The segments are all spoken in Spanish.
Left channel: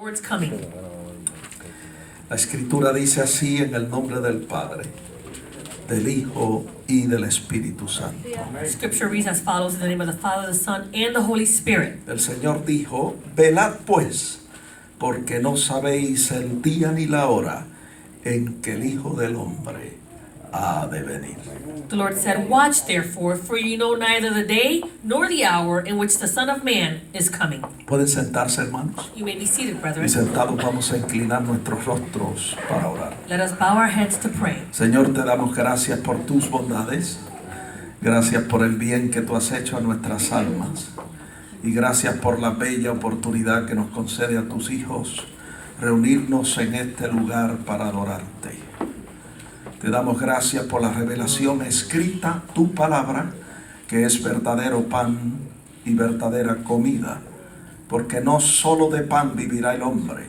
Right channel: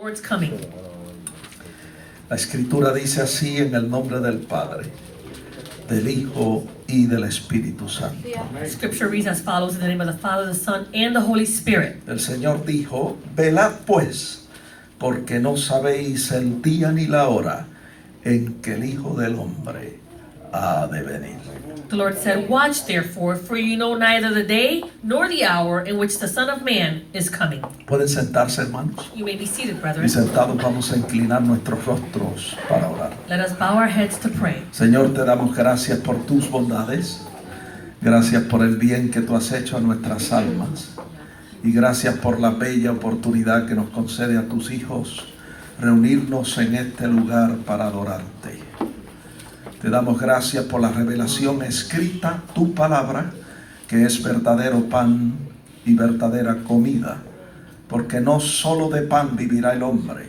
Lord's coming. La escritura dice así en el nombre del Padre, del Hijo y del Espíritu Santo. Scripture reads as follows in the name of the Father, the Son, and the Holy Spirit. El Señor dijo, velad pues, porque no sabéis el día ni la hora en que el Hijo del Hombre ha de venir. The Lord said, watch therefore, for you know neither the day nor the hour in which the Son of Man is coming. Pueden sentarse, hermanos. You may be seated, Y brethren. sentados vamos a inclinar nuestros rostros para orar. Let us bow our heads to pray. Señor, te damos gracias por tus bondades. Gracias por el bien que tú has hecho a nuestras almas. Y gracias por la bella oportunidad que nos concede a tus hijos reunirnos en este lugar para adorarte. Te damos gracias por la revelación escrita, tu palabra, que es verdadero pan y verdadera comida. Porque no solo de pan vivirá el hombre,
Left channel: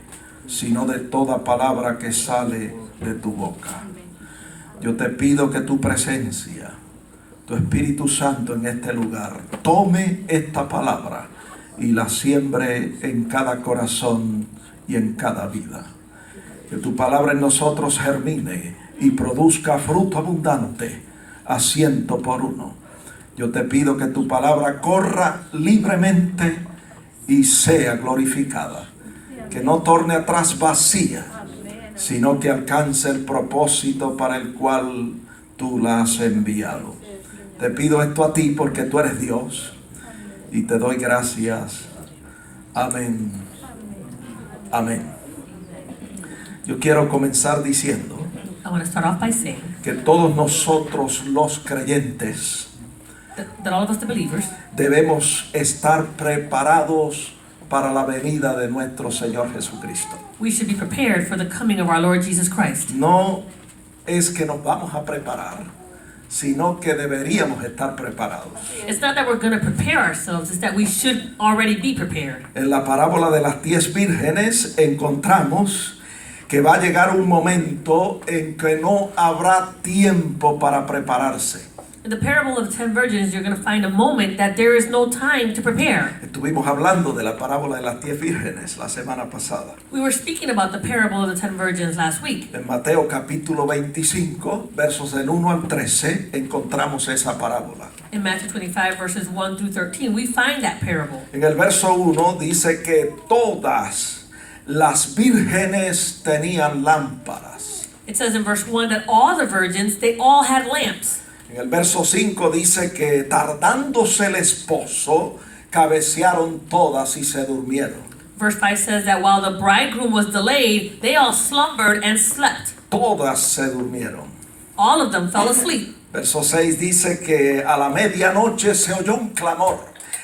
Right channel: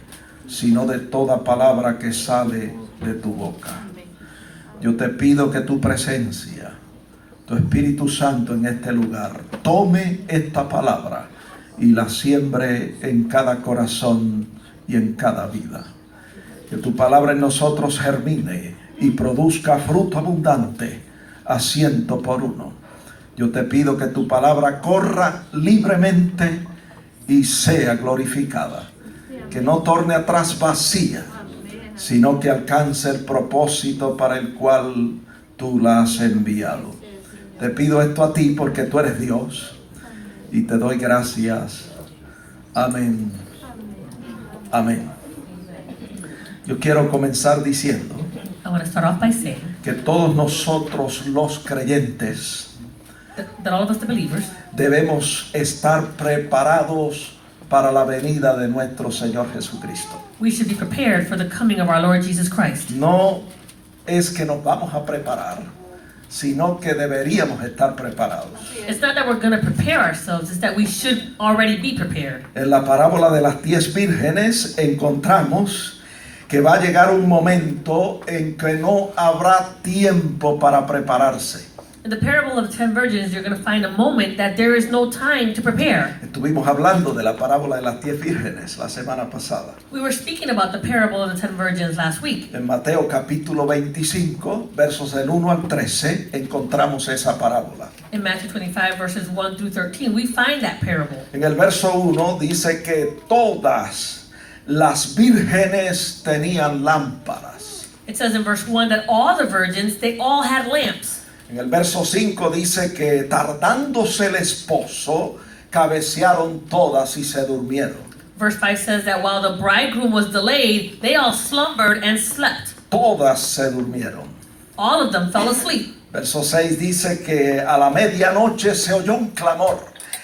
sino de toda palabra que sale de tu boca. Yo te pido que tu presencia, tu Espíritu Santo en este lugar, tome esta palabra y la siembre en cada corazón y en cada vida. Que tu palabra en nosotros germine y produzca fruto abundante a 100%. Yo te pido que tu palabra corra libremente y sea glorificada. Que no torne atrás vacía, sino que alcance el propósito para el cual tú la has enviado. Te pido esto a ti porque tú eres Dios y te doy gracias. Amén. Amén. Yo quiero comenzar diciendo I want to start off by saying que todos nosotros los creyentes that all of us, the believers, debemos estar preparados para la venida de nuestro Señor Jesucristo. we should be prepared for the coming of our Lord Jesus Christ. No es que nos vamos a preparar, sino que deberíamos estar preparados. It's not that we're going to prepare ourselves, it's that we should already be prepared. En la parábola de las 10 vírgenes encontramos que va a llegar un momento en que no habrá tiempo para prepararse. In the parable of the 10 virgins, you're going to find a moment that there is no time to prepare. Estuvimos hablando de la parábola de las 10 vírgenes la semana pasada. We were speaking about the parable of the 10 virgins last week. En Mateo capítulo 25, versos del 1 al 13, encontramos esa parábola. In Matthew 25, verses 1 through 13, we find that parable. En el verso 1 dice que todas las vírgenes tenían lámparas. It says in verse 1 that all the virgins, they all had lamps. En el verso 5 dice que tardándose el esposo, cabecearon todas y se durmieron. Verse 5 says that while the bridegroom was delayed, they all slumbered and slept. Todas se durmieron. All of them fell asleep. Verso 6 dice que a la medianoche se oyó un clamor.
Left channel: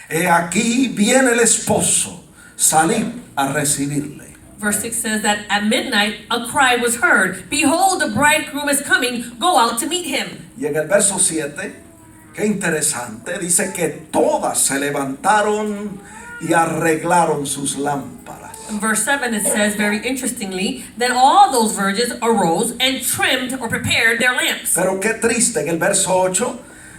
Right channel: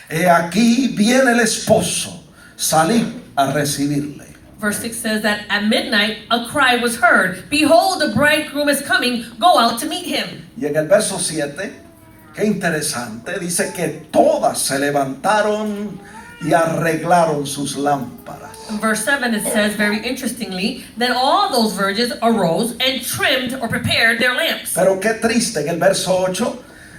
He aquí viene el esposo, salid a recibirle. Verse 6 says that at midnight a cry was heard. Behold, the bridegroom is coming. Go out to meet him. Y en el verso 7, qué interesante, dice que todas se levantaron y arreglaron sus lámparas. In verse 7 it says very interestingly that all those virgins arose and trimmed or prepared their lamps. Pero qué triste, en el verso 8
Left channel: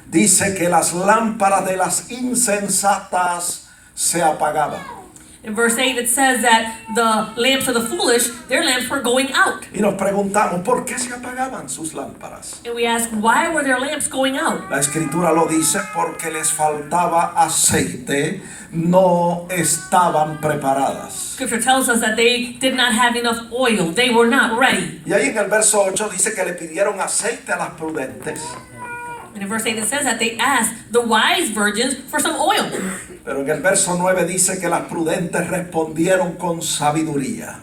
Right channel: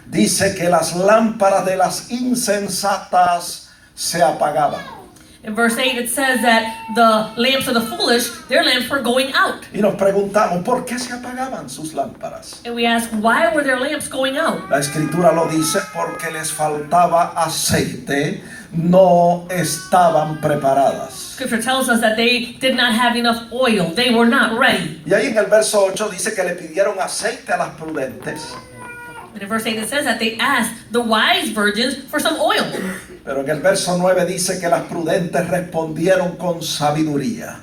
dice que las lámparas de las insensatas se apagaban. In verse 8 it says that the lamps of the foolish, their lamps were going out. Y nos preguntamos, ¿por qué se apagaban sus lámparas? And we ask, why were their lamps going out? La escritura lo dice porque les faltaba aceite, no estaban preparadas. Scripture tells us that they did not have enough oil. They were not ready. Y ahí en el verso 8 dice que le pidieron aceite a las prudentes. And in verse 8 it says that they asked the wise virgins for some oil. Pero en el verso 9 dice que las prudentes respondieron con sabiduría.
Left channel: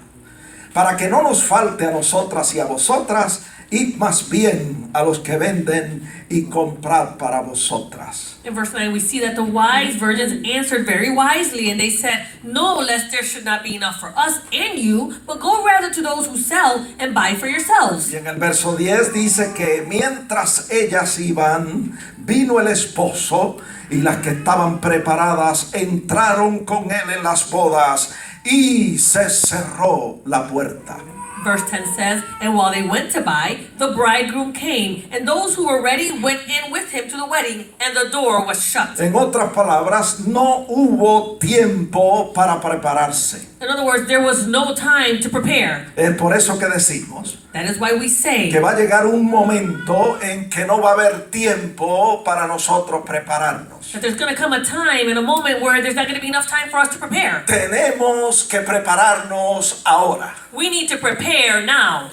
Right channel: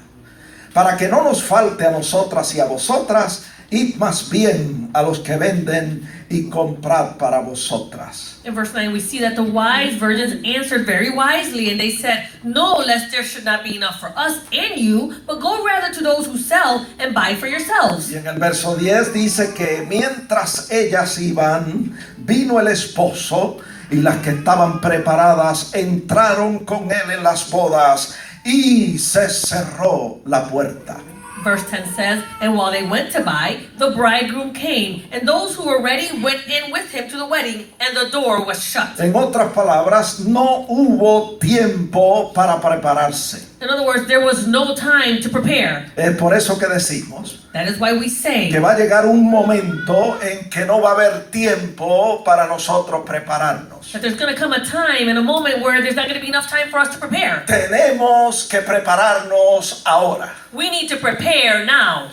Para que no nos falte a nosotras y a vosotras, id más bien a los que venden y comprad para vosotras. In verse 9 we see that the wise virgins answered very wisely, and they said, no, lest there should not be enough for us and you, but go rather to those who sell and buy for yourselves. Y en el verso 10 dice que mientras ellas iban, vino el esposo, y las que estaban preparadas entraron con él en las bodas y se cerró la puerta. Verse 10 says, and while they went to buy, the bridegroom came, and those who were ready went in with him to the wedding, and the door was shut. En otras palabras, no hubo tiempo para prepararse. In other words, there was no time to prepare. Es por eso que decimos That is why we say que va a llegar un momento en que no va a haber tiempo para nosotros prepararnos. that there's going to come a time and a moment where there's not going to be enough time for us to prepare. Tenemos que prepararnos ahora. We need to prepare now.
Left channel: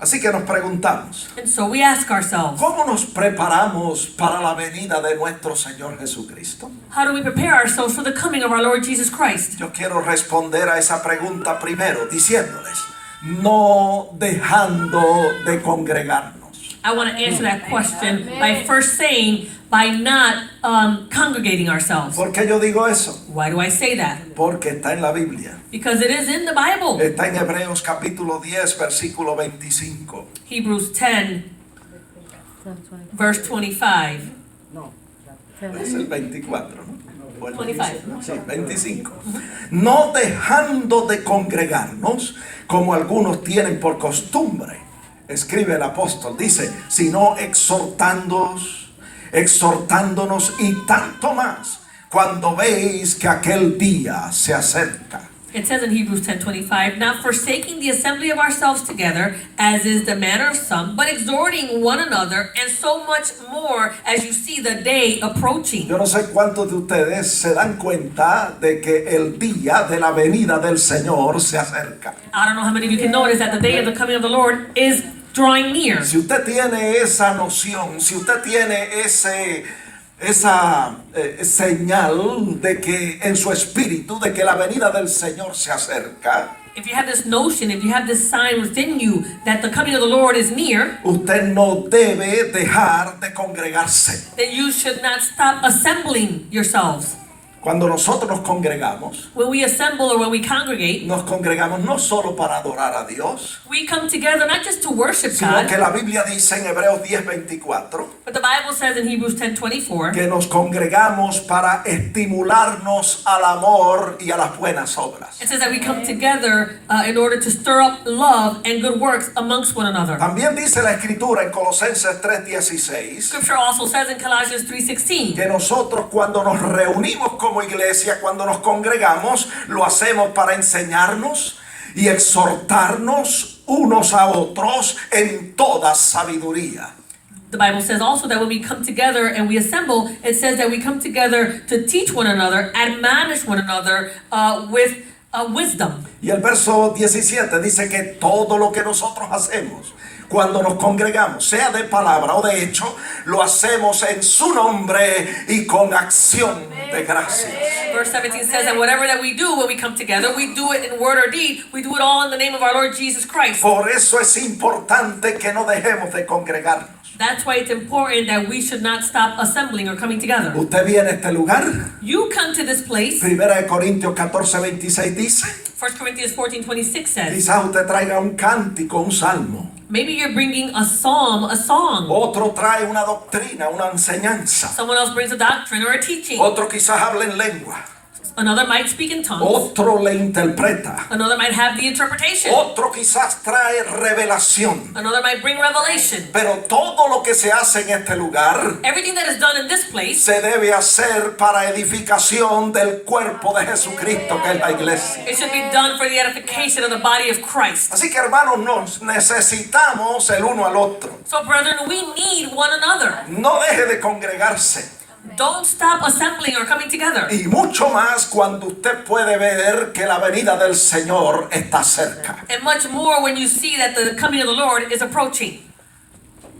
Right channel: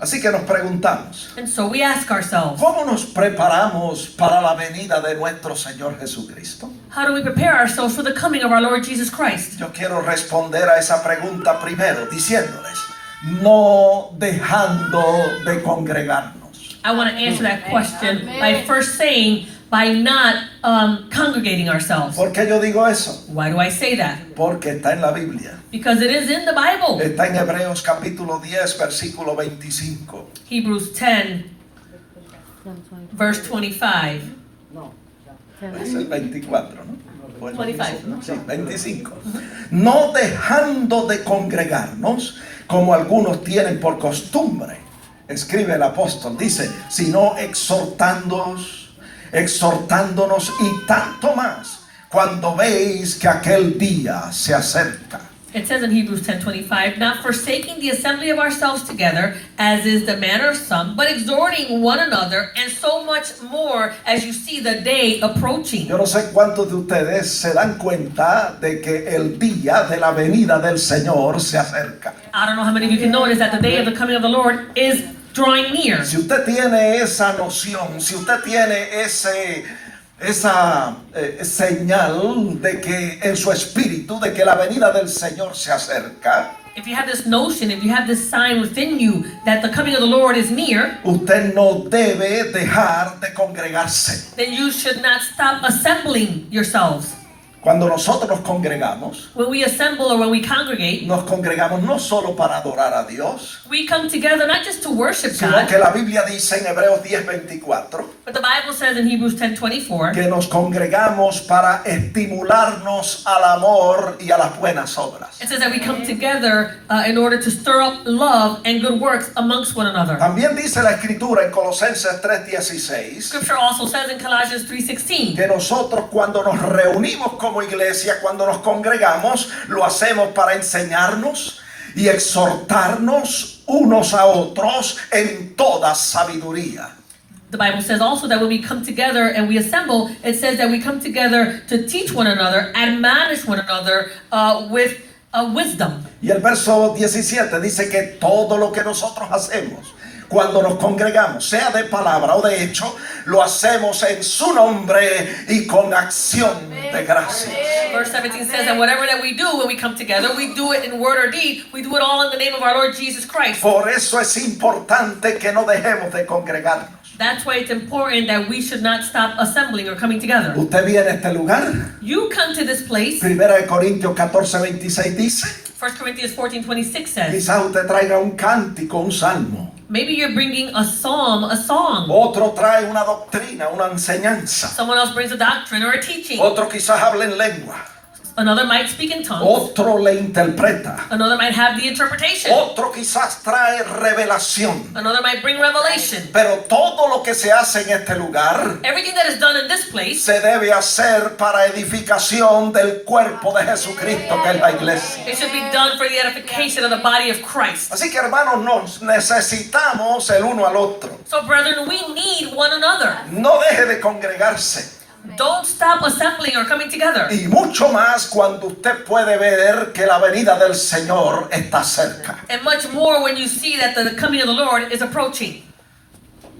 Así que nos preguntamos, And so we ask ourselves, ¿cómo nos preparamos para la venida de nuestro Señor Jesucristo? how do we prepare ourselves for the coming of our Lord Jesus Christ? Yo quiero responder a esa pregunta primero diciéndoles, no dejando de congregarnos. I want to answer that question by first saying, by not congregating ourselves. ¿Por qué yo digo eso? Why do I say that? Porque está en la Biblia. Because it is in the Bible. Está en Hebreos capítulo 10, versículo 25. Hebrews 10, verse 25. Es el 24, ¿no? Bueno, 25. Sí, 25. No dejando de congregarnos, como algunos tienen por costumbre, escribe el apóstol, dice, sino exhortándonos y tanto más cuando veis que aquel día se acerca. It says in Hebrews 10:25, not forsaking the assembly of ourselves together, as is the manner of some, but exhorting one another, and so much more as you see the day approaching. Yo no sé cuántos de ustedes se dan cuenta de que el día de la venida del Señor se acerca. I don't know how many of you can notice that the day of the coming of the Lord is drawing near. Si usted tiene esa noción, si usted tiene esa señal de que en su espíritu de que la venida del Señor se acerca, If you have this notion, if you have this sign within you that the coming of the Lord is near, usted no debe dejar de congregarse. then you should not stop assembling yourselves. Cuando nosotros nos congregamos, When we assemble or when we congregate, nos congregamos no solo para adorar a Dios, we come together not just to worship sino God, que la Biblia dice en Hebreos 10:24 but the Bible says in Hebrews 10:24 que nos congregamos para estimularnos al amor y a las buenas obras. it says that we come together in order to stir up love and good works amongst one another. También dice la Escritura en Colosenses 3:16 Scripture also says in Colossians 3:16 que nosotros cuando nos reunimos como iglesia, cuando nos congregamos, lo hacemos para enseñarnos y exhortarnos unos a otros en toda sabiduría. The Bible says also that when we come together and we assemble, it says that we come together to teach one another, admonish one another with wisdom. Y el verso 17 dice que todo lo que nosotros hacemos cuando nos congregamos, sea de palabra o de hecho, lo hacemos en su nombre y con acción de gracias. Verse 17 says that whatever that we do when we come together, we do it in word or deed, we do it all in the name of our Lord Jesus Christ. Por eso es importante que no dejemos de congregarnos. That's why it's important that we should not stop assembling or coming together. Usted viene a este lugar, You come to this place, 1 Corintios 14:26 dice, 1 Corinthians 14:26 says, quizás usted traiga un cántico, un salmo. maybe you're bringing a psalm, a song. Otro trae una doctrina, una enseñanza. Someone else brings a doctrine or a teaching. Otro quizás habla en lengua. Another might speak in tongues. Otro le interpreta. Another might have the interpretation. Otro quizás trae revelación. Another might bring revelation. Pero todo lo que se hace en este lugar Everything that is done in this place, se debe hacer para edificación del cuerpo de Jesucristo, que es la iglesia. it should be done for the edification of the body of Christ. Así que hermanos, nos necesitamos el uno al otro. So brethren, we need one another. No deje de congregarse. Don't stop assembling or coming together. Y mucho más cuando usted puede ver que la venida del Señor está cerca. And much more when you see that the coming of the Lord is approaching.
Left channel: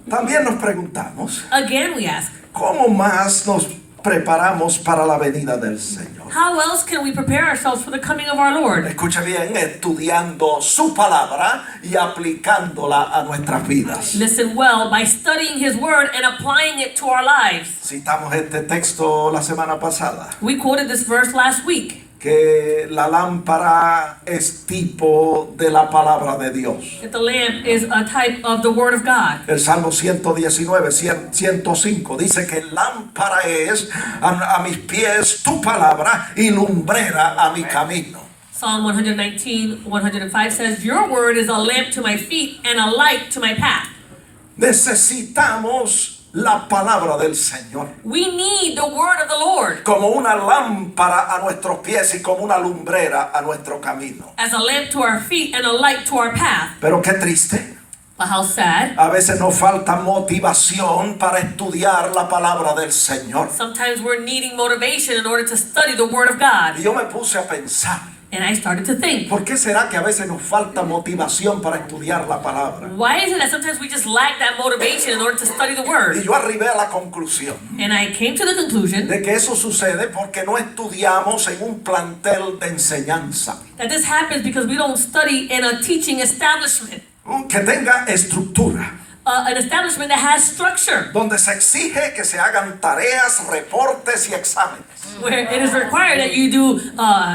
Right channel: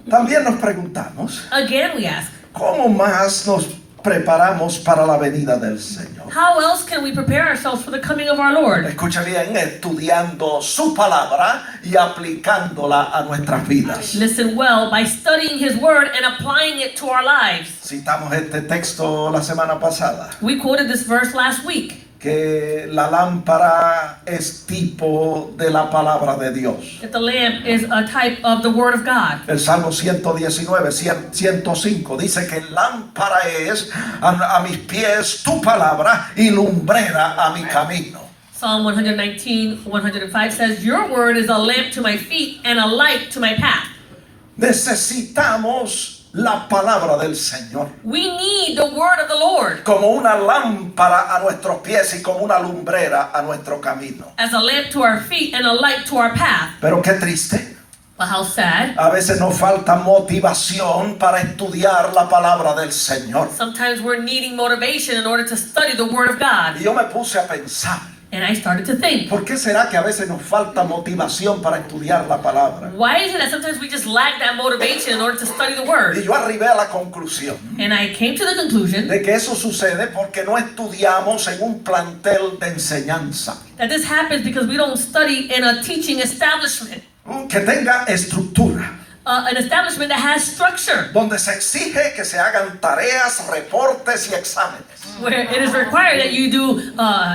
También nos preguntamos, Again, we ask, ¿cómo más nos preparamos para la venida del Señor? how else can we prepare ourselves for the coming of our Lord? Escucha bien, estudiando su palabra y aplicándola a nuestras vidas. Listen well, by studying His Word and applying it to our lives. Citamos este texto la semana pasada, We quoted this verse last week, que la lámpara es tipo de la palabra de Dios. that the lamp is a type of the Word of God. El Salmo 119, 105 dice que lámpara es a mis pies tu palabra y lumbrera a mi camino. Psalm 119, 105 says, your word is a lamp to my feet and a light to my path. Necesitamos la palabra del Señor We need the word of the Lord como una lámpara a nuestros pies y como una lumbrera a nuestro camino. as a lamp to our feet and a light to our path. Pero qué triste. But how sad. A veces nos falta motivación para estudiar la palabra del Señor. Sometimes we're needing motivation in order to study the word of God. Y yo me puse a pensar, And I started to think, ¿por qué será que a veces nos falta motivación para estudiar la palabra? why is it that sometimes we just lack that motivation in order to study the Y word? yo arribé a la conclusión And I came to the conclusion de que eso sucede porque no estudiamos en un plantel de enseñanza that this happens because we don't study in a teaching establishment. que tenga estructura, An establishment that has structure, donde se exige que se hagan tareas, reportes y exámenes. where it is required that you do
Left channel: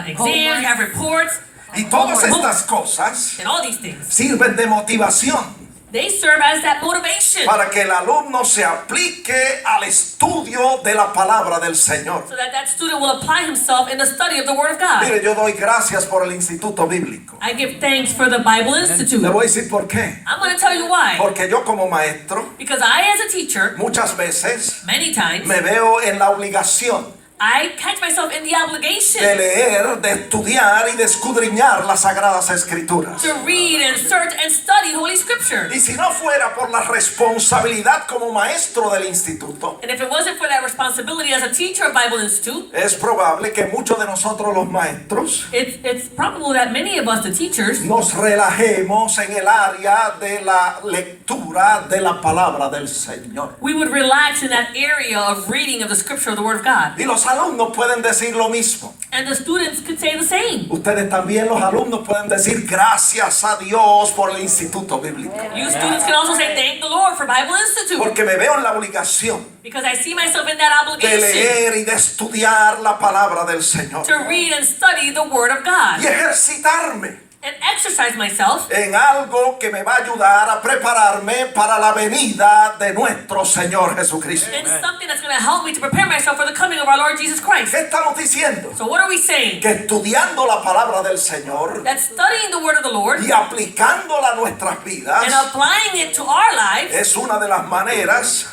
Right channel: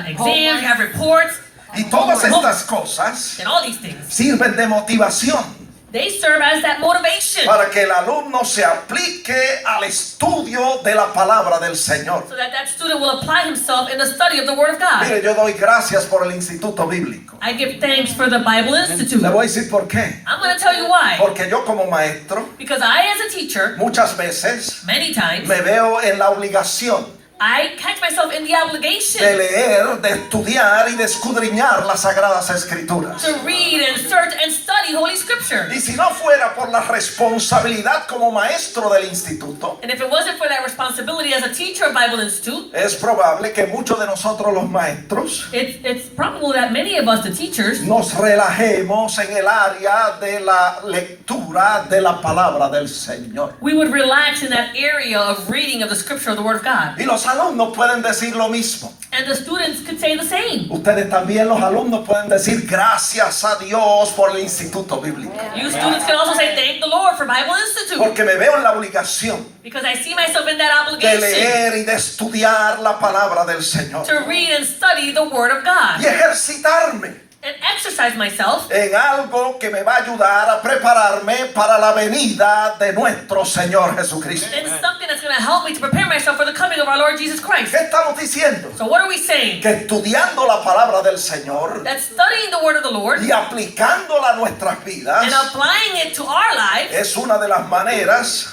exams, you have reports, Y todas estas cosas and all these things. sirven de motivación They serve as that motivation para que el alumno se aplique al estudio de la palabra del Señor. so that that student will apply himself in the study of the Word of God. Mire, yo doy gracias por el Instituto Bíblico. I give thanks for the Bible Institute. Le voy a decir por qué. I'm going to tell you why. Porque yo como maestro Because I, as a teacher, muchas veces many times, me veo en la obligación I catch myself in the obligation de leer, de estudiar y de escudriñar las Sagradas Escrituras. to read and search and study Holy Scripture. Y si no fuera por la responsabilidad como maestro del instituto, And if it wasn't for that responsibility as a teacher of Bible Institute, es probable que muchos de nosotros los maestros it's probable that many of us, the teachers, nos relajemos en el área de la lectura de la palabra del Señor. we would relax in that area of reading of the Scripture of the Word of God. Y los alumnos pueden decir lo mismo. And the students could say the same. Ustedes también, los alumnos, pueden decir gracias a Dios por el Instituto Bíblico. You students can also say, thank the Lord for Bible Institute. Porque me veo en la obligación Because I see myself in that de obligation leer y de estudiar la palabra del Señor. to read and study the Word of Y God. ejercitarme And exercise myself en algo que me va a ayudar a prepararme para la venida de nuestro Señor Jesucristo. in something that's going to help me to prepare myself for the coming of our Lord Jesus Christ. ¿Qué estamos diciendo? So what are we saying? Que estudiando la palabra del Señor That studying the Word of the Lord y aplicándola a nuestras and vidas applying it to our lives, es una de las maneras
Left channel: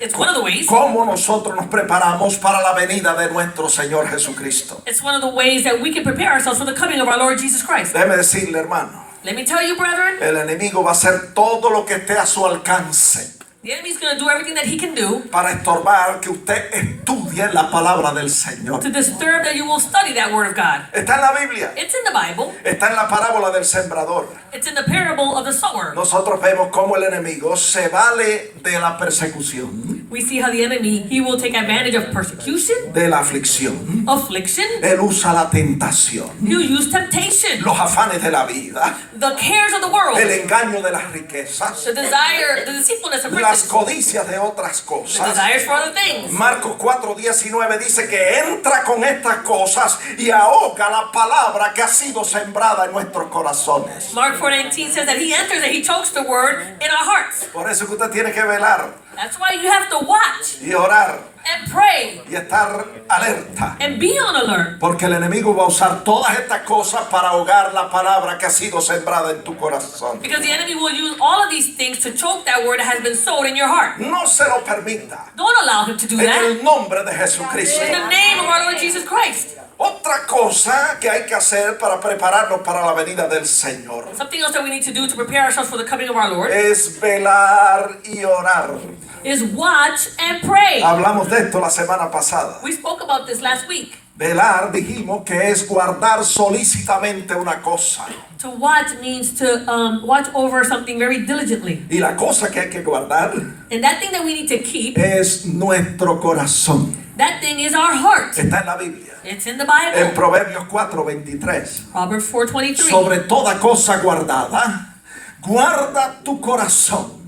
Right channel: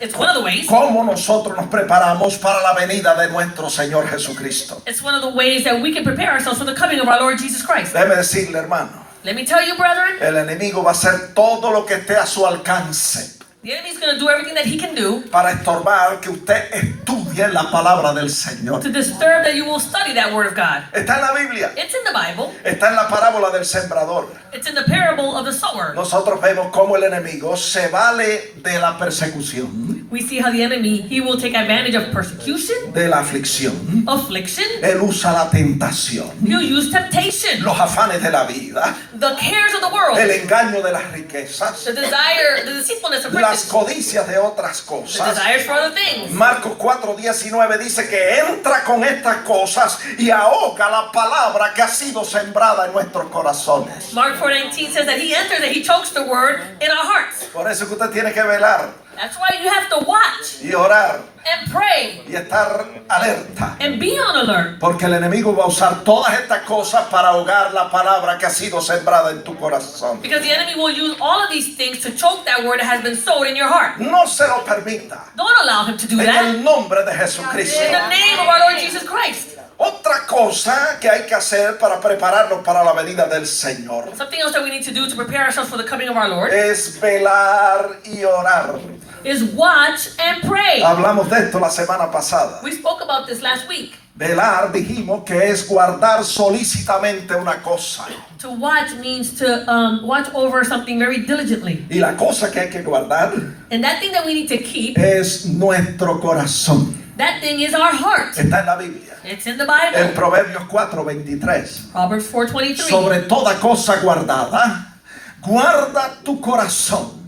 it's one of the ways. como nosotros nos preparamos para la venida de nuestro Señor Jesucristo. It's one of the ways that we can prepare ourselves for the coming of our Lord Jesus Christ. Déjeme decirle, hermano, Let me tell you, brethren, el enemigo va a hacer todo lo que esté a su alcance the enemy's going to do everything that he can do para estorbar que usted estudie la palabra del Señor. to disturb that you will study that Word of God. Está en la Biblia, It's in the Bible. está en la parábola del sembrador. It's in the parable of the sower. Nosotros vemos cómo el enemigo se vale de la persecución, We see how the enemy, he will take advantage of persecution, de la aflicción. affliction. Él usa la tentación, He'll use temptation, los afanes de la vida, the cares of the world, el engaño de las riquezas, the desire, the deceitfulness of las riches, codicias de otras the cosas. desires for other things. Marcos 4:19 dice que entra con estas cosas y ahoga la palabra que ha sido sembrada en nuestros corazones. Mark 4:19 says that he enters and he chokes the word in our hearts. Por eso que usted tiene que velar That's why you have to watch y orar and pray y estar alerta. and be on alert. Porque el enemigo va a usar todas estas cosas para ahogar la palabra que ha sido sembrada en tu corazón. Because the enemy will use all of these things to choke that word that has been sowed in your heart. No se lo permita. Don't allow him to do En that. el nombre de Jesucristo. In the name of our Lord Jesus Christ. Otra cosa que hay que hacer para prepararnos para la venida del Señor Something else that we need to do to prepare ourselves for the coming of our Lord es velar y orar. is watch and pray. Hablamos de esto la semana pasada. We spoke about this last week. Velar, dijimos que es guardar solícitamente una cosa. To watch means to watch over something very diligently. Y la cosa que hay que guardar And that thing that we need to keep, es nuestro corazón. that thing is our heart. Está en la Biblia. It's in the En Bible. Proverbios 4:23. Proverbs 4:23. Sobre toda cosa guardada, guarda tu corazón,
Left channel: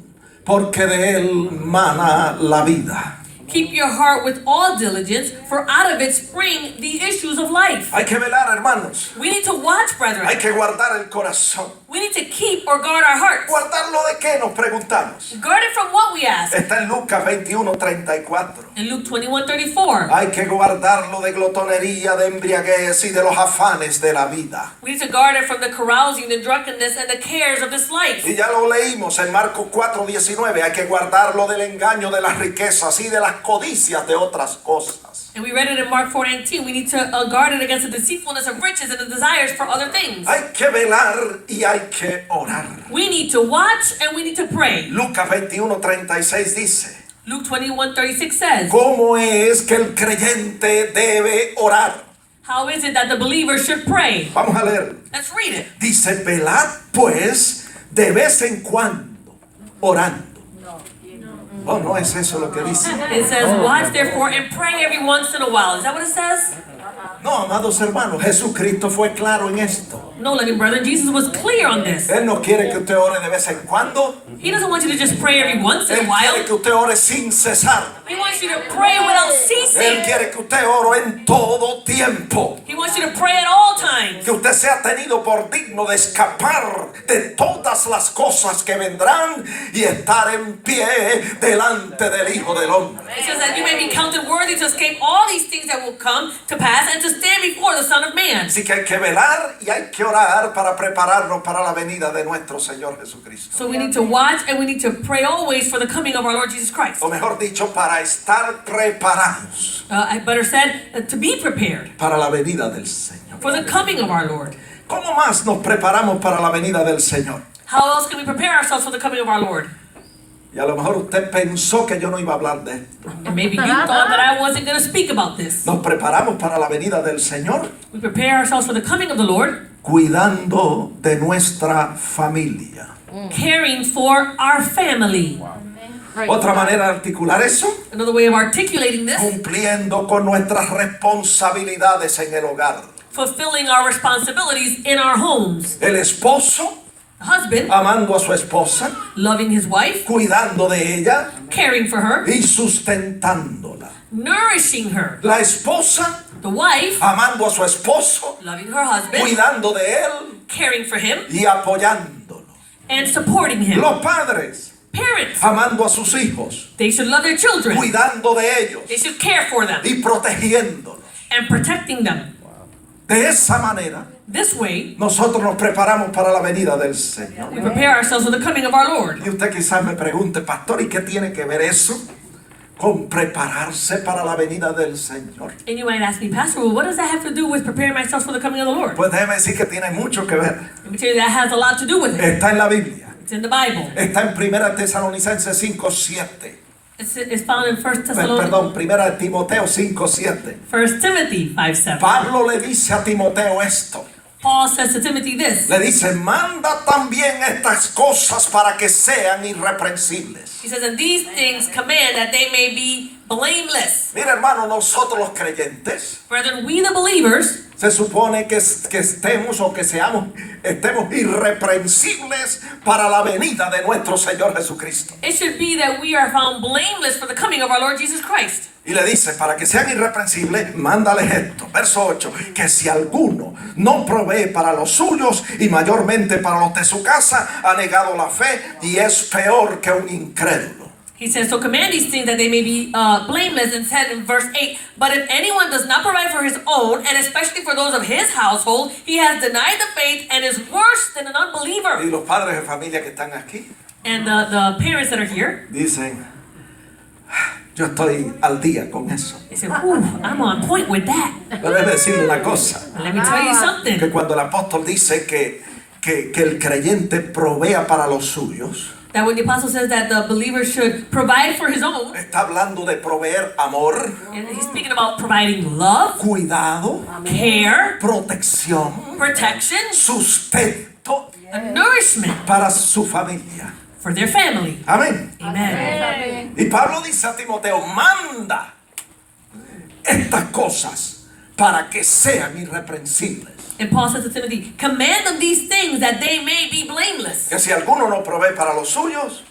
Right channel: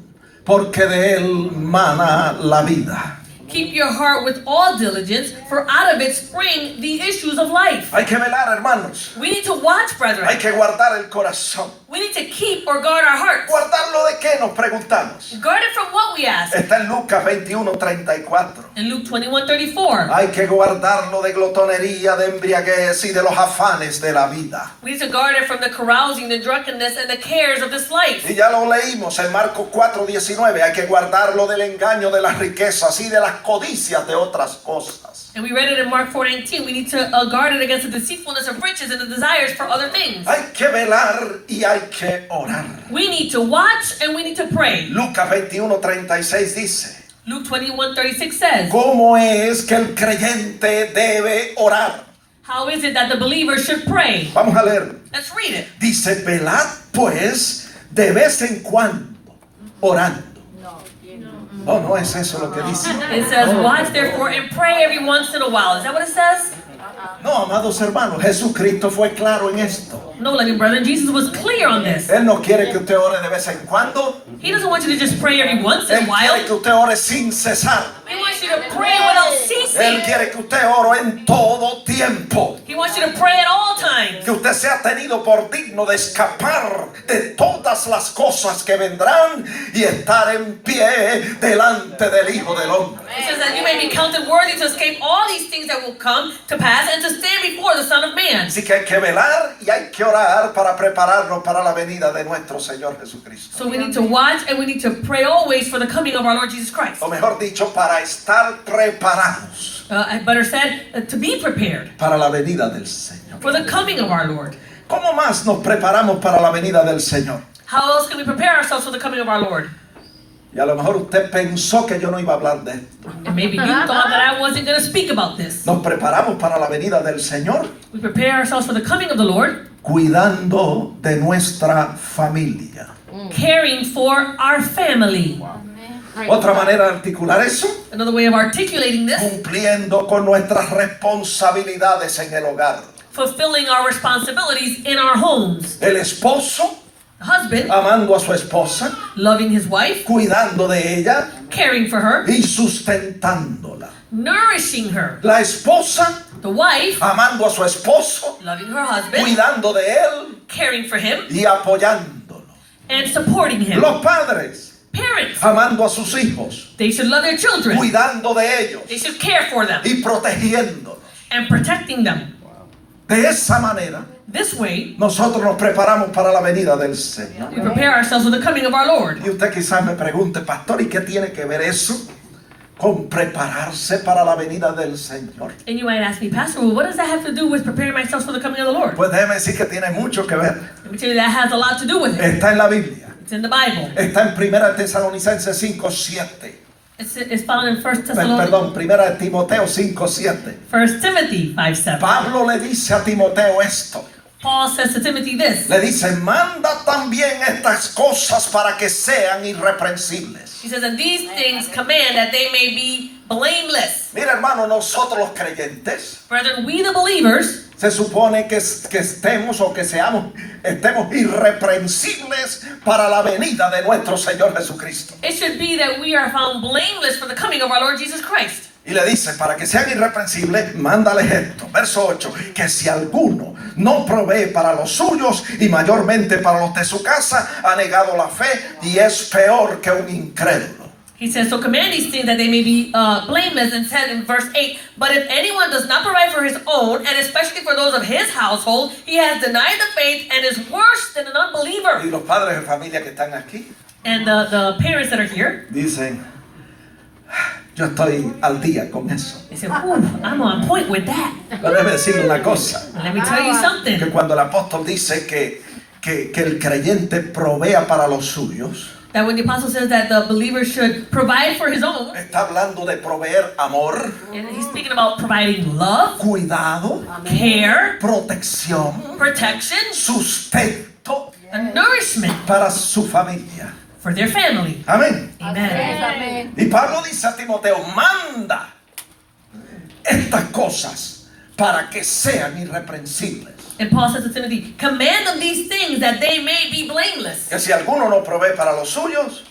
porque de él mana la vida. Keep your heart with all diligence, for out of it spring the issues of life. Hay que velar, hermanos. We need to watch, Hay brethren. que guardar el corazón. We We need to keep or guard our hearts. ¿Guardarlo de qué? Nos preguntamos. Guard it from what, we ask. Está en Lucas 21:34. In Luke 21:34. Hay que guardarlo de glotonería, de embriaguez y de los afanes de la vida. We need to guard it from the carousing, the drunkenness, and the cares of this life. Y ya lo leímos en Marcos 4:19. Hay que guardarlo del engaño de las riquezas y de las codicias de otras cosas. And we read it in Mark 4:19. We need to guard it against the deceitfulness of riches and the desires for other things. Hay que velar y hay que orar. We need to watch and we need to pray. Lucas 21:36 dice: Luke 21:36 says, ¿cómo es que el creyente debe orar? how is it that the believer should pray? Vamos a leer. Let's read it. Dice: velad pues de vez en cuando, orando. Oh, no es eso lo que dice. It says, watch therefore and pray every once in a while. Is that what it says? No, amados hermanos, Jesucristo fue claro en esto. No, loving brother, Jesus was clear on this. Él no quiere que usted ore de vez en cuando. He doesn't want you to just pray every once in Él a while. quiere que usted ore sin cesar. He wants you to pray without Él ceasing. quiere que usted ore en todo tiempo. He wants you to pray at all times. Que usted sea tenido por digno de escapar de todas las cosas que vendrán y estar en pie delante del Hijo del Hombre. It says that you may be counted worthy to escape all these things that will come to pass and to stand before the Son of Man. Así que hay que velar y hay que orar para prepararnos para la venida de nuestro Señor Jesucristo. So we need to watch and we need to pray always for the coming of our Lord Jesus Christ. O mejor dicho, para estar preparados Better said, to be prepared para la venida del Señor. for the coming of our Lord. ¿Cómo más nos preparamos para la venida del Señor? How else can we prepare ourselves for the coming of our Lord? Y a lo mejor usted pensó que yo no iba a hablar de esto. And maybe you thought that I wasn't going to speak about this. Nos preparamos para la venida del Señor We prepare ourselves for the coming of the Lord, cuidando de nuestra familia. caring for our family. Otra manera de articular eso, Another way of articulating this, cumpliendo con nuestras responsabilidades en el hogar. fulfilling our responsibilities in our homes. El esposo The husband, amando a su esposa, loving his wife, cuidando de ella caring for her, y sustentándola. nourishing her. La esposa The wife, amando a su esposo, loving her husband, cuidando de él caring for him, y apoyándolo. and supporting him. Los padres Parents, amando a sus hijos, they should love their children. cuidando de ellos They should care for them y protegiéndolos. and protecting them. De esa manera, This way, nosotros nos preparamos para la venida del Señor. we prepare ourselves for the coming of our Lord. Y usted quizás me pregunte, pastor, ¿y qué tiene que ver eso con prepararse para la venida del Señor? And you might ask me, Pastor, well, what does that have to do with preparing myself for the coming of the Lord? Pues déjeme decir que tiene mucho que ver. Let me tell you, that has a lot to do with it. Está en la Biblia. It's in the Bible. Está en 1 Tesalonicenses 5:7. It's found in 1 Perdón, 1 Timoteo 5:7. Timothy 5:7. Pablo le dice a Timoteo esto. Paul says to Timothy this. Le dice, manda también estas cosas para que sean irreprensibles. He says, and these things command that they may be blameless. Mira, hermano, nosotros los creyentes Brethren, we the believers, se supone que estemos o que estemos irreprensibles para la venida de nuestro Señor Jesucristo. it should be that we are found blameless for the coming of our Lord Jesus Christ. Y le dice, para que sean irreprensibles, mándales esto. Verso 8, que si alguno no provee para los suyos y mayormente para los de su casa, ha negado la fe y es peor que un incrédulo. He says, so command these things that they may be blameless, and said in verse 8, but if anyone does not provide for his own, and especially for those of his household, he has denied the faith and is worse than an unbeliever. Y los padres de familia que están aquí And the parents that are here, dicen, yo estoy al día con eso. they say, ooh, I'm on point with that. Pero déjeme decirle una cosa, Let me tell you que something. cuando el apóstol dice que el creyente provea para los suyos, That when the apostle says that the believer should provide for his own, está hablando de proveer amor, and he's speaking about providing love, cuidado, care, protección, protection, sustento and nourishment para su familia. for their family. Amén. Amen. Y Pablo dice a Timoteo, manda estas cosas para que sean irreprensibles. And Paul says to Timothy, command them these things that they may be blameless. Que si alguno no provee para los suyos,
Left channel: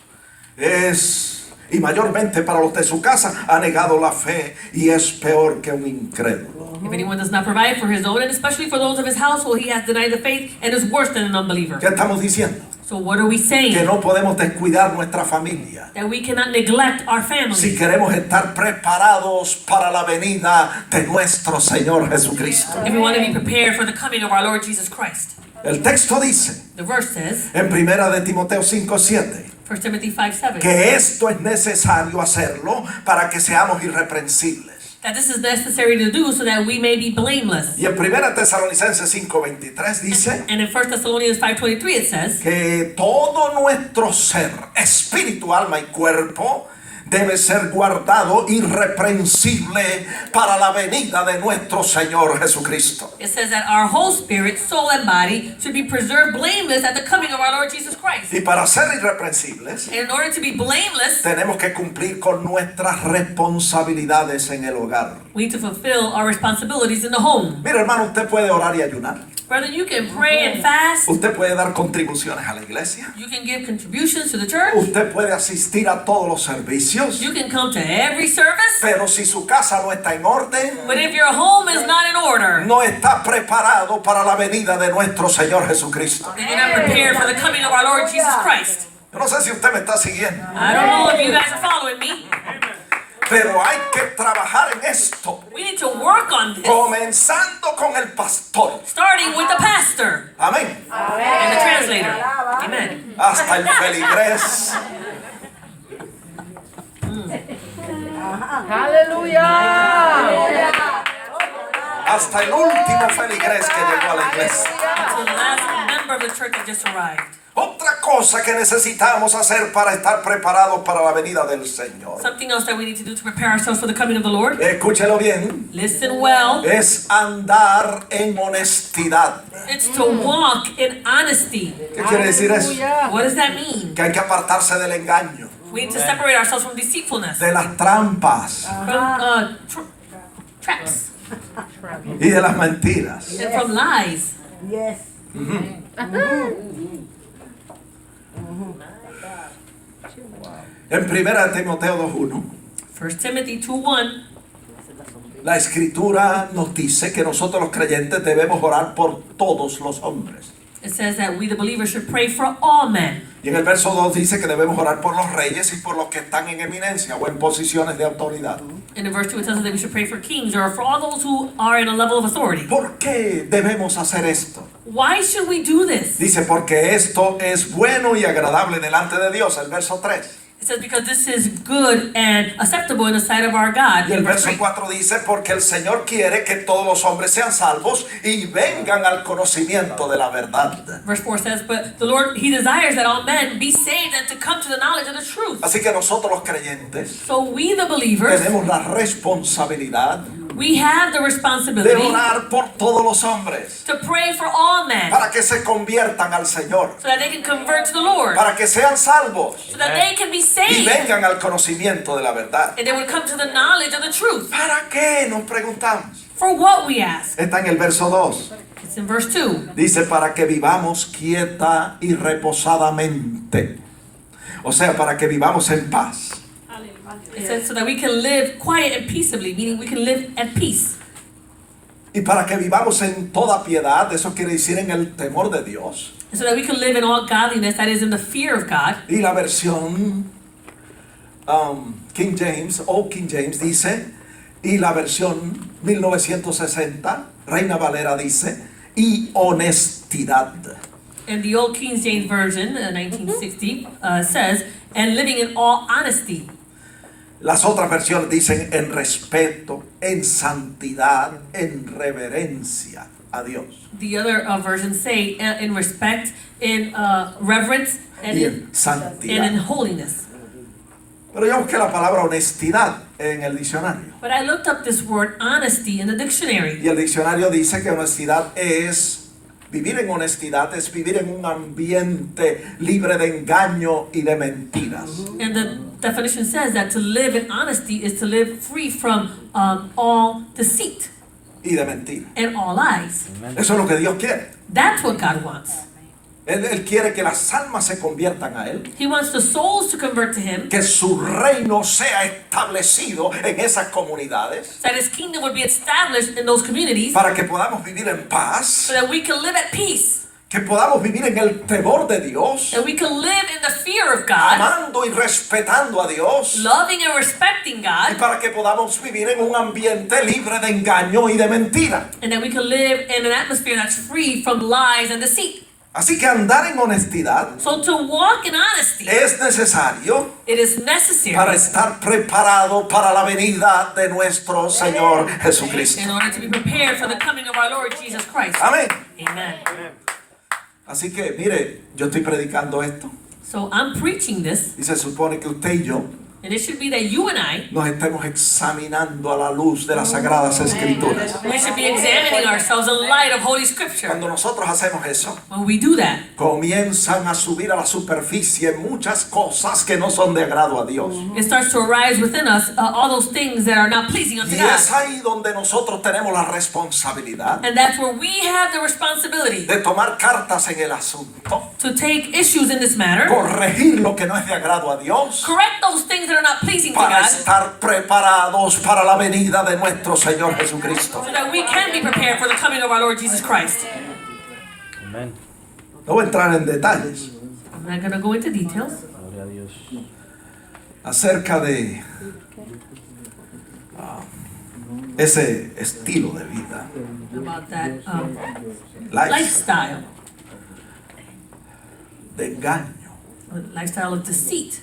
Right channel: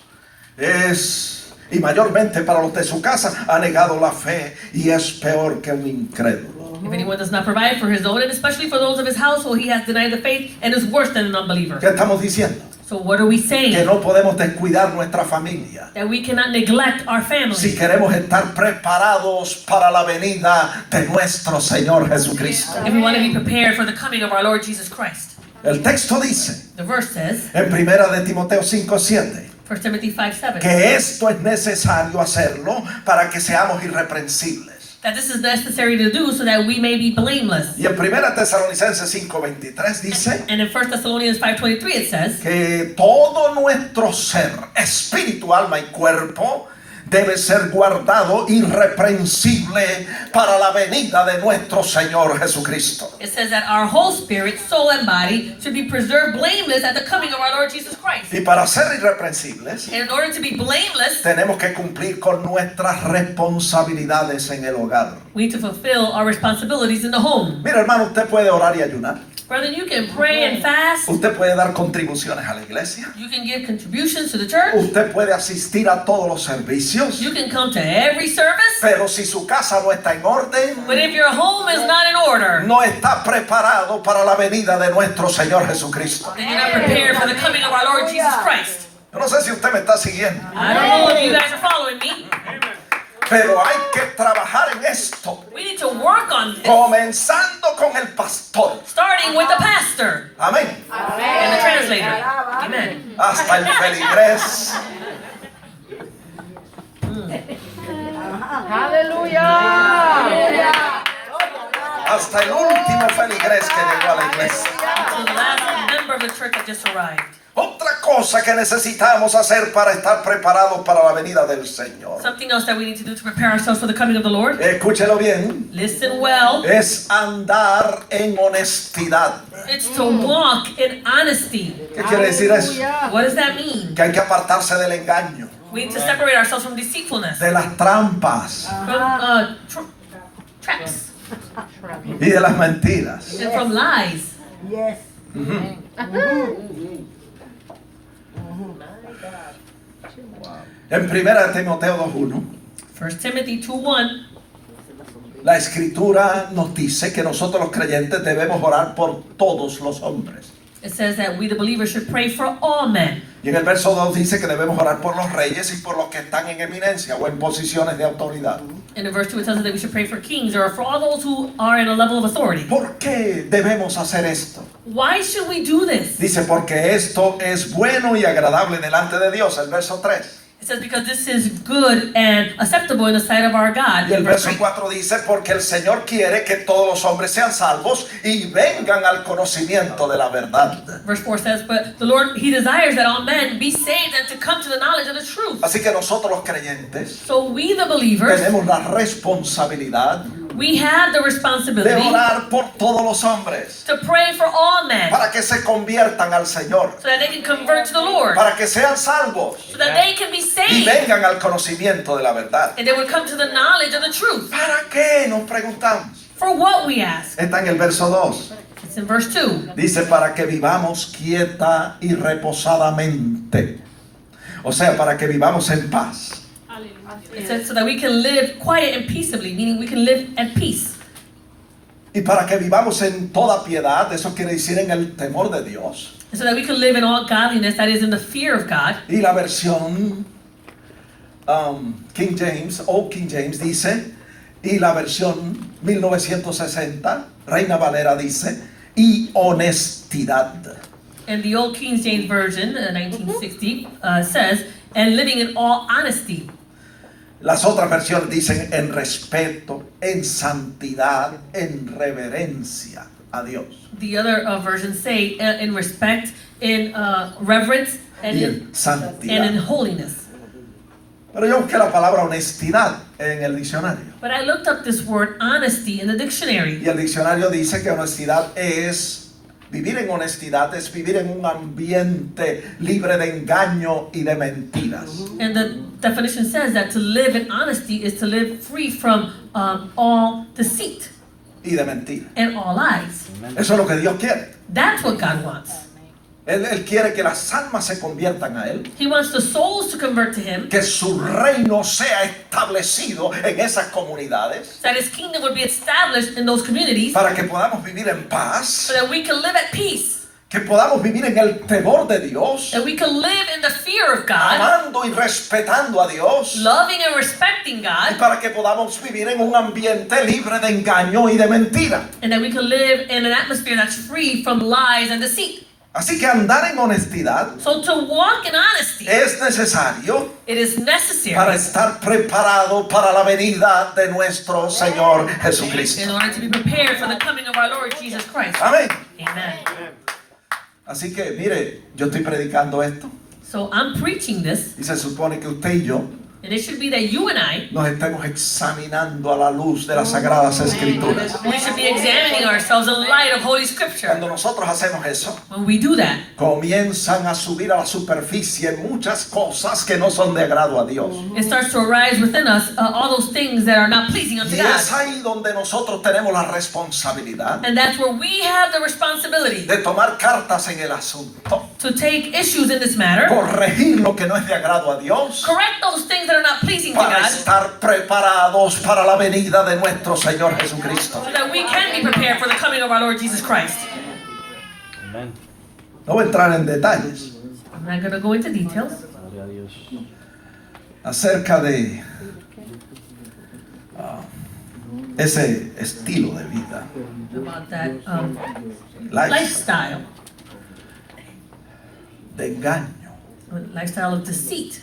y mayormente para los de su casa, ha negado la fe y es peor que un incrédulo. If If anyone does not provide for his own, and especially for those of his household, he has denied the faith and is worse than an unbeliever. ¿Qué estamos diciendo? So what are we Que saying? no podemos descuidar nuestra familia. That we cannot neglect our Si family queremos estar preparados para la venida de nuestro Señor Jesucristo. if we want to be prepared for the coming of our Lord Jesus Christ. El texto dice The verse says, en 1 de Timoteo 5:7 1 Timothy 5:7, que esto es necesario hacerlo para que seamos irreprensibles. that this is necessary to do so that we may be blameless. Y en 1 Tesalonicenses 5:23 dice And in 1 Thessalonians 5:23 it says, que todo nuestro ser, espíritu, alma y cuerpo, debe ser guardado irreprensible para la venida de nuestro Señor Jesucristo. it says that our whole spirit, soul, and body should be preserved blameless at the coming of our Lord Jesus Christ. Y para ser irreprensibles, And in order to be blameless, tenemos que cumplir con nuestras responsabilidades en el hogar. we need to fulfill our responsibilities in the home. Mira, hermano, usted puede orar y ayunar. Brother, you can pray and fast. Usted puede dar contribuciones a la iglesia. You can give contributions to the church. Usted puede asistir a todos los servicios. You can come to every service. Pero si su casa no está en orden, But if your home is not in order, no está preparado para la venida de nuestro Señor Jesucristo. then you're not prepared for the coming of our Lord Jesus Christ. Yo no sé si usted me está siguiendo, I don't know if you guys are following me. pero hay que trabajar en esto, We need to work on this. comenzando con el pastor. Starting with the pastor Amén. and the translator. Amen. Hasta el feligrés. Hasta el último feligrés que llegó a la iglesia. To the last member of the church that just arrived. Otra cosa que necesitamos hacer para estar preparados para la venida del Señor. Something else that we need to do to prepare ourselves for the coming of the Lord. Escúchelo bien. Listen well. Es andar en honestidad. It's to walk in honesty. ¿Qué quiere decir eso? What does that mean? Que hay que apartarse del engaño, We need to separate ourselves from deceitfulness, de las trampas from traps, y de las mentiras. and from lies. Yes. En 1 Timoteo 2:1, 1 Timothy 2:1, la escritura nos dice que nosotros los creyentes debemos orar por todos los hombres. it says that we the believers should pray for all men. Y en el verso 2 dice que debemos orar por los reyes y por los que están en eminencia o en posiciones de autoridad. And in verse 2 it tells us that we should pray for kings or for all those who are in a level of authority. ¿Por qué debemos hacer esto? Why should we do this? Dice, porque esto es bueno y agradable delante de Dios, el verso 3. It says because this is good and acceptable in the sight of our God. Y el In verse verso 3. 4 dice, porque el Señor quiere que todos los hombres sean salvos y vengan al conocimiento de la verdad. Verse 4 says, but the Lord, He desires that all men be saved and to come to the knowledge of the truth. Así que nosotros los creyentes So we the believers, tenemos la responsabilidad we have the de responsibility orar por todos los hombres to pray for all men para que se conviertan al Señor, so that they can convert to the Lord, para que sean salvos so that they can be y saved vengan al conocimiento de la verdad. and they would come to the knowledge of the truth. ¿Para qué? Nos preguntamos. For what, we ask? Está en el verso 2. It's in verse 2. Dice, para que vivamos quieta y reposadamente. O sea, para que vivamos en paz. It says so that we can live quiet and peaceably, meaning we can live at peace. Y para que vivamos en toda piedad, eso quiere decir en el temor de Dios. And so that we can live in all godliness, that is in the fear of God. Y la versión King James dice, y la versión 1960, Reina Valera dice, y honestidad. And the old King James Version, 1960, says, and living in all honesty. Las otras versiones dicen en respeto, en santidad, en reverencia a Dios. The other versions say in respect, in reverence, and Y in, en and in santidad. holiness. Pero yo busqué la palabra honestidad en el diccionario. But I looked up this word honesty in the dictionary. Y el diccionario dice que honestidad es, vivir en honestidad es vivir en un ambiente libre de engaño y de mentiras. And the definition says that to live in honesty is to live free from all deceit Y de mentiras. and all lies. Eso es lo que Dios quiere. That's what God wants. Él quiere que las almas se conviertan a Él. He wants the souls to convert to Him, Que su reino sea establecido en esas comunidades. so that His kingdom would be established in those communities, Para que podamos vivir en paz. so that we can live at peace, Que podamos vivir en el temor de Dios. that we can live in the fear of God, Amando y respetando a Dios. loving and respecting Y God, para que podamos vivir en un ambiente libre de engaño y de mentira. and that we can live in an atmosphere that's free from lies and deceit. Así que andar en honestidad So to walk in honesty, es necesario it is para necessary estar preparado para la venida de nuestro Señor Jesucristo. in order to be prepared for the coming of our Lord Jesus Christ. Amén. Amen. Así que mire, yo estoy predicando esto So I'm preaching this, y se supone que usted y yo and it should be that you and I, nos estemos examinando a la luz de las Sagradas Escrituras. we should be examining ourselves in light of Holy Scripture. Cuando nosotros hacemos eso, When we do that, comienzan a subir a la superficie muchas cosas que no son de agrado a Dios. it starts to arise within us all those things that are not pleasing unto Y es God. ahí donde nosotros tenemos la responsabilidad And that's where we have the responsibility de tomar cartas en el asunto, to take issues in this matter, corregir lo que no es de agrado a Dios, correct those things that are not pleasing to para God, estar preparados para la venida de nuestro Señor Jesucristo. so that we can be prepared for the coming of our Lord Jesus Christ. Amén. No voy a entrar en detalles I'm not going to go into details Gloria a Dios. acerca de ese estilo de vida, about that lifestyle lifestyle, de engaño. lifestyle of deceit.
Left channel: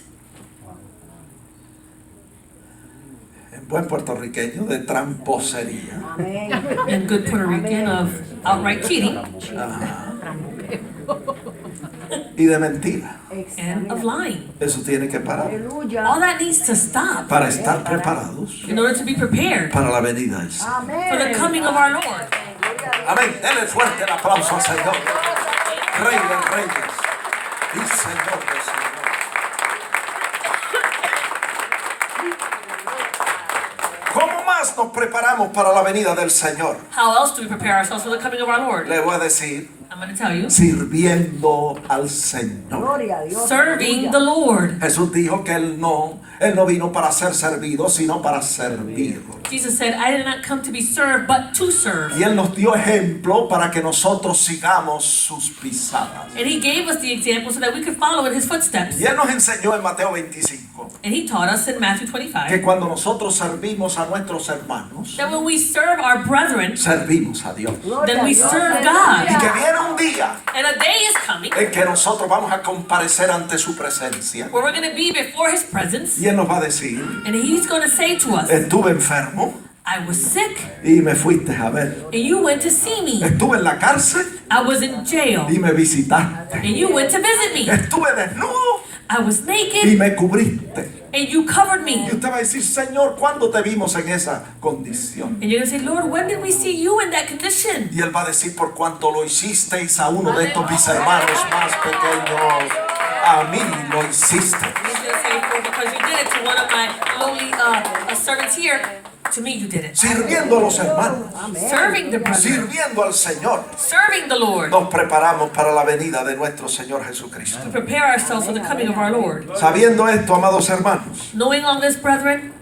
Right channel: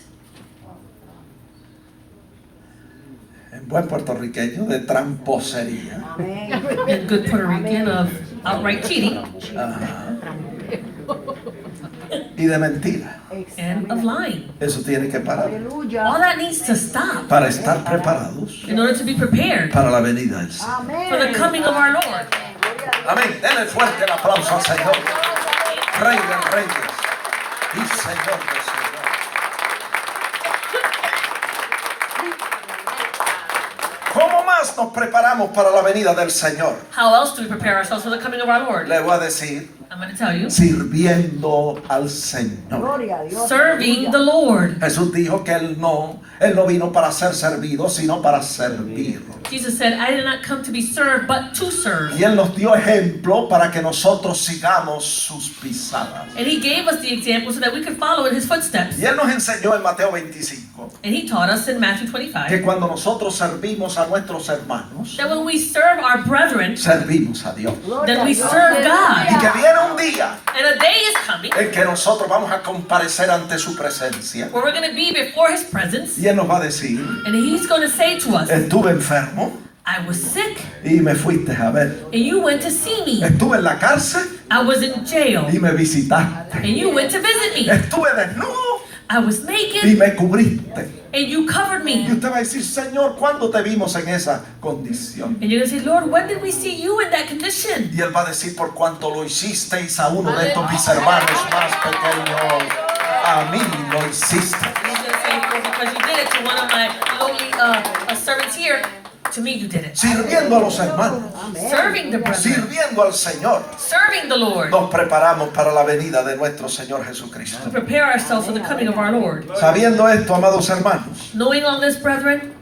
En buen puertorriqueño, de tramposería. And good Puerto Rican of outright cheating Y de mentira. and of lying. Eso tiene que parar All that needs to stop para estar preparados in order to be prepared para la venida del Señor. for the coming of our Lord. Amén. Denle fuerte el aplauso al Señor. Rey de reyes y Señor de señores. ¿Cómo más nos preparamos para la venida del Señor? How else do we prepare ourselves for the coming of our Lord? Le voy a decir, I'm going to tell you. sirviendo al Señor. Gloria a Dios. Serving the Lord. Jesús dijo que Él no vino para ser servido, sino para servir. Jesus said, I did not come to be served, but to serve. Y Él nos dio ejemplo para que nosotros sigamos sus pisadas. And He gave us the example so that we could follow in His footsteps. Y Él nos enseñó en Mateo 25 And He taught us in Matthew 25 que cuando nosotros servimos a nuestros hermanos, that when we serve our brethren, servimos a Dios. then we serve Y God. que viene un día And a day is coming en que nosotros vamos a comparecer ante su presencia. where we're going to be before His presence, Y Él nos va a decir, and He's going to say to us, estuve enfermo I was sick, y me fuiste a ver. and you went to see me. Estuve en la cárcel I was in jail, y me visitaste. and you went to visit me. Estuve desnudo I was y naked, me cubriste. and you covered Y me. usted va a decir, Señor, ¿cuándo te vimos en esa condición? And you're going to say, Lord, when did we see you in that condition? Y Él va a decir, por cuanto lo hicisteis a uno de estos mis hermanos más pequeños, a mí lo hiciste. And He's going to say, "For because you did it to one of my lowly servants here, to me you did it. Sirviendo a los hermanos, Serving the brethren, sirviendo al Señor, serving the Lord, nos preparamos para la venida de nuestro Señor to Jesucristo. prepare ourselves for the coming of our Lord. Sabiendo esto, amados hermanos, Knowing all this, brethren,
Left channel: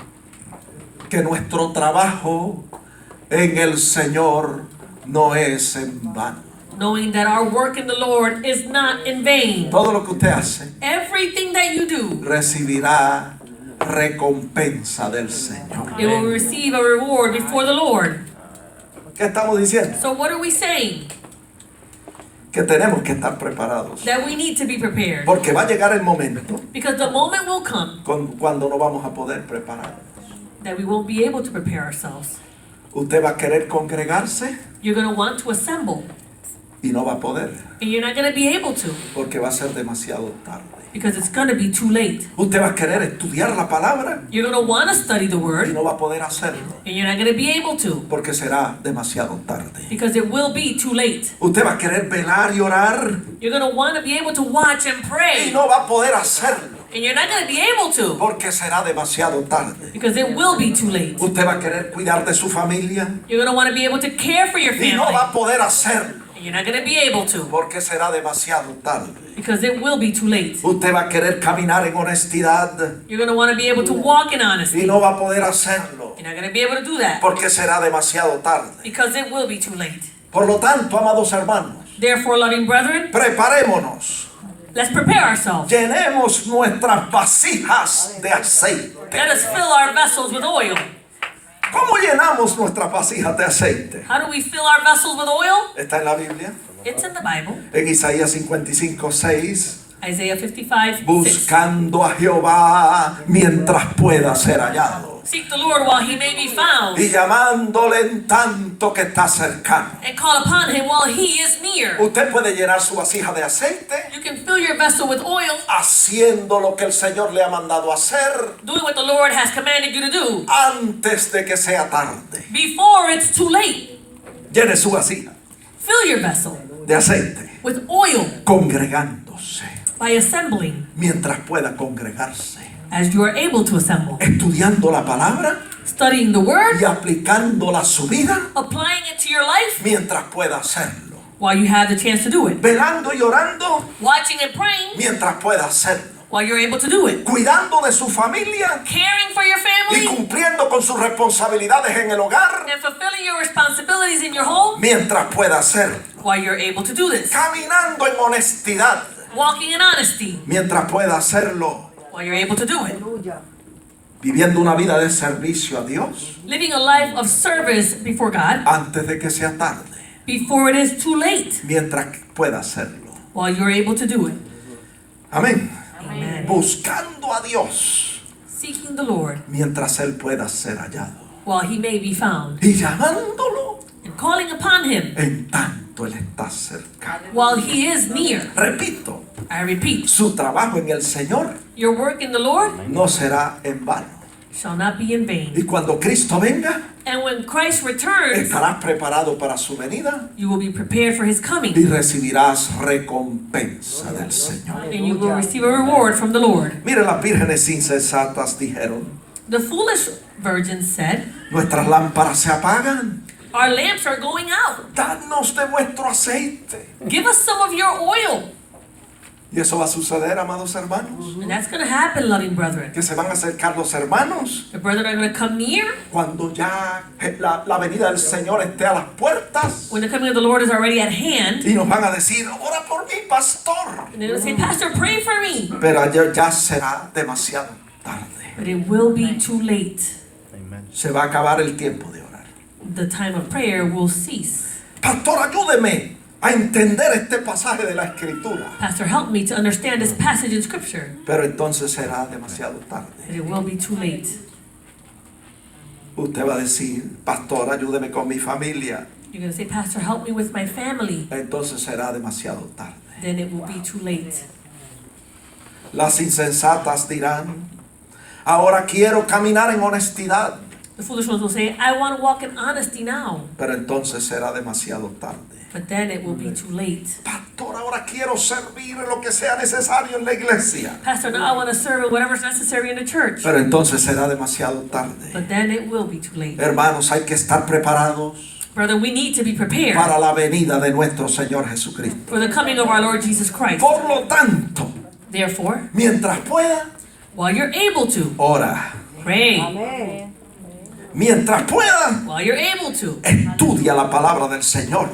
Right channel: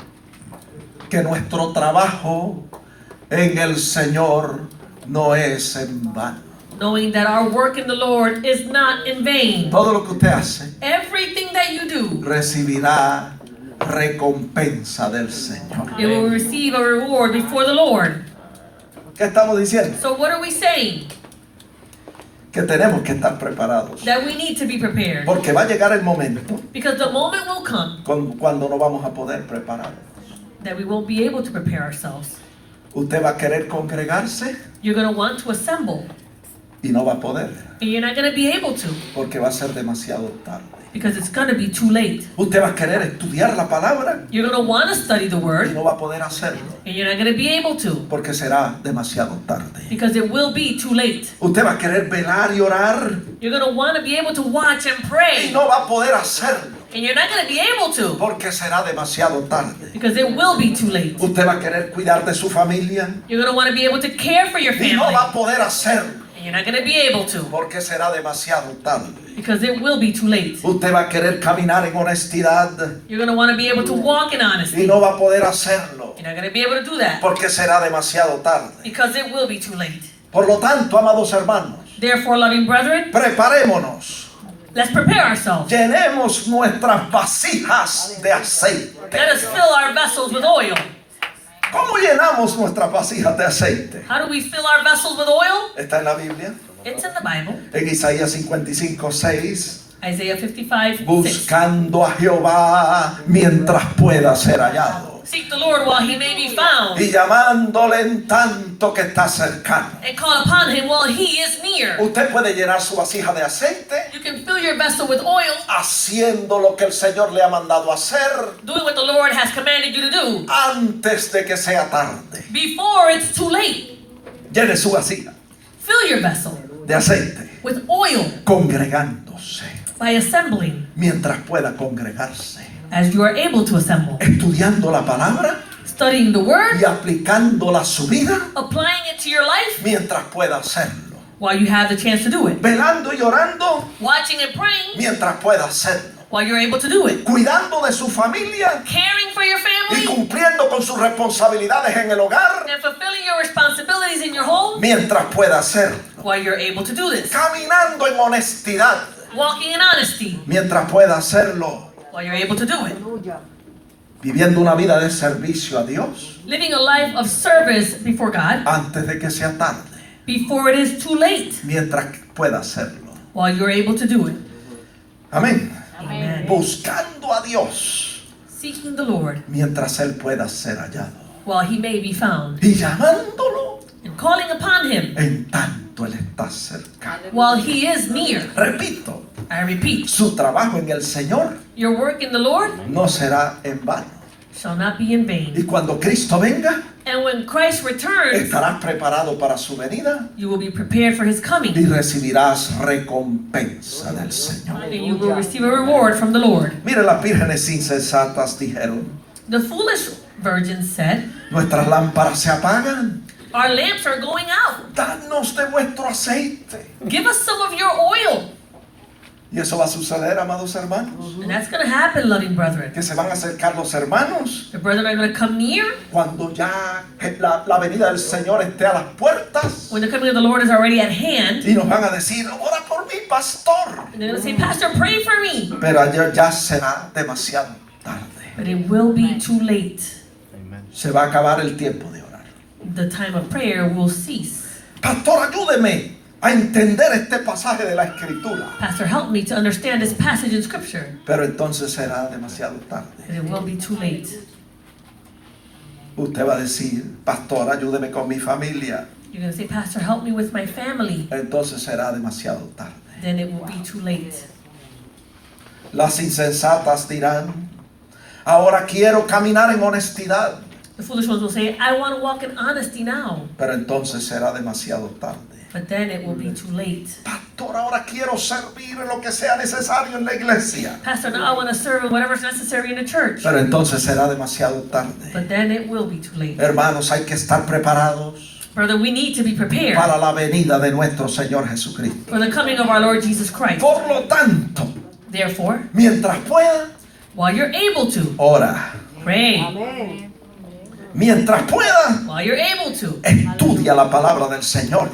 que nuestro trabajo en el Señor no es en vano. knowing that our work in the Lord is not in vain. Todo lo que usted hace Everything that you do, recibirá recompensa del Señor. it will receive a reward before the Lord. ¿Qué estamos diciendo? So what are we saying? Que tenemos que estar preparados. That we need to be prepared. Porque va a llegar el momento Because the moment will come cuando no vamos a poder preparar. that we won't be able to prepare ourselves. Usted va a querer congregarse You're going to want to assemble, y no va a poder. and you're not going to be able to Porque va a ser demasiado tarde. because it's going to be too late. Usted va a querer estudiar la palabra You're going to want to study the y Word, no va a poder hacerlo. and you're not going to be able to Porque será demasiado tarde. because it will be too late. Usted va a querer velar y orar You're going to want to be able to watch and y pray, no va a poder hacerlo. and you're not going to be able to Porque será demasiado tarde. because it will be too late. Usted va a querer cuidar de su familia You're going to want to be able to care for your y no va family, a poder hacerlo. And you're not going to be able to porque será demasiado tarde. because it will be too late. Usted va a querer caminar en honestidad You're going to want to be able to walk in y honesty. no va a poder hacerlo You're not going to be able to do that porque será demasiado tarde. because it will be too late. Por lo tanto, amados hermanos, Therefore, loving brethren, preparémonos. let's prepare ourselves. Llenemos nuestras vasijas de aceite. Let us fill our vessels with oil. ¿Cómo llenamos nuestras vasijas de aceite? How do we fill our vessels with oil? Está en la Biblia. It's in the Bible. En Isaías 55:6. Isaiah 55:6. Buscando a Jehová mientras pueda ser hallado. Seek the Lord while he may be found, Y llamándole en tanto que está cercano. and call upon him while he is near. Usted puede llenar su vasija de aceite You can fill your vessel with oil, haciendo lo que el Señor le ha mandado hacer doing what the Lord has commanded you to do, antes de que sea tarde. before it's too late. Llene su vasija Fill your vessel de aceite, with oil congregándose by assembling mientras pueda congregarse, as you are able to assemble, estudiando la palabra studying the word, y aplicándola a su vida applying it to your life mientras pueda hacerlo, while you have the chance to do it, velando y orando watching and praying mientras pueda hacerlo, while you're able to do it, cuidando de su familia caring for your y family cumpliendo con sus responsabilidades en el hogar and fulfilling your responsibilities in your home mientras pueda hacerlo, while you're able to do this, caminando en honestidad walking in honesty mientras pueda hacerlo, while you're able to do it, viviendo una vida de servicio a Dios living a life of service before God antes de que sea tarde, before it is too late, mientras pueda hacerlo. while you're able to do it. Amén. Amen. Buscando a Dios Seeking the Lord mientras Él pueda ser hallado while he may be found, y llamándolo and calling upon him en tanto Él está cercano. while he is near. Repito, I repeat, su trabajo en el Señor your work in the Lord no será en vano. shall not be in Y vain. cuando Cristo venga, And when Christ returns, estarás preparado para su venida you will be prepared for his y coming, recibirás recompensa del Señor. and you will receive a reward from the Lord. Mire, las vírgenes insensatas dijeron, The foolish virgins said, nuestras lámparas se apagan, our lamps are going out. danos de vuestro aceite. Give us some of your oil. Y eso va a suceder, amados hermanos, And that's going to happen, loving brethren. que se van a acercar los hermanos The brethren are going to come near cuando ya la venida del Señor esté a las puertas when the coming of the Lord is already at hand. y nos van a decir, ora por mí, pastor. And they're going to say, Pastor, pray for me. Pero ayer ya será demasiado tarde. But it will be too late. Amen. Se va a acabar el tiempo de orar. The time of prayer will cease. Pastor, ayúdeme a entender este pasaje de la Escritura. Pastor, help me to understand this passage in Scripture. Pero entonces será demasiado tarde. But it will be too late. Usted va a decir, pastor, ayúdeme con mi familia. You're going to say, Pastor, help me with my family. Entonces será demasiado tarde. Then it will be too late. Las insensatas dirán, ahora quiero caminar en honestidad. The foolish ones will say, I want to walk in honesty now. Pero entonces será demasiado tarde. But then it will be too late. Pastor, ahora quiero servir en lo que sea necesario en la iglesia. Pastor, now I want to serve in whatever's necessary in the church. Pero entonces será demasiado tarde. But then it will be too late. Hermanos, hay que estar preparados Brother, we need to be prepared para la venida de nuestro Señor Jesucristo. for the coming of our Lord Jesus Christ. Por lo tanto, Therefore, mientras pueda, while you're able to, ora. pray. Mientras pueda, While you're able to, estudia la palabra del Señor.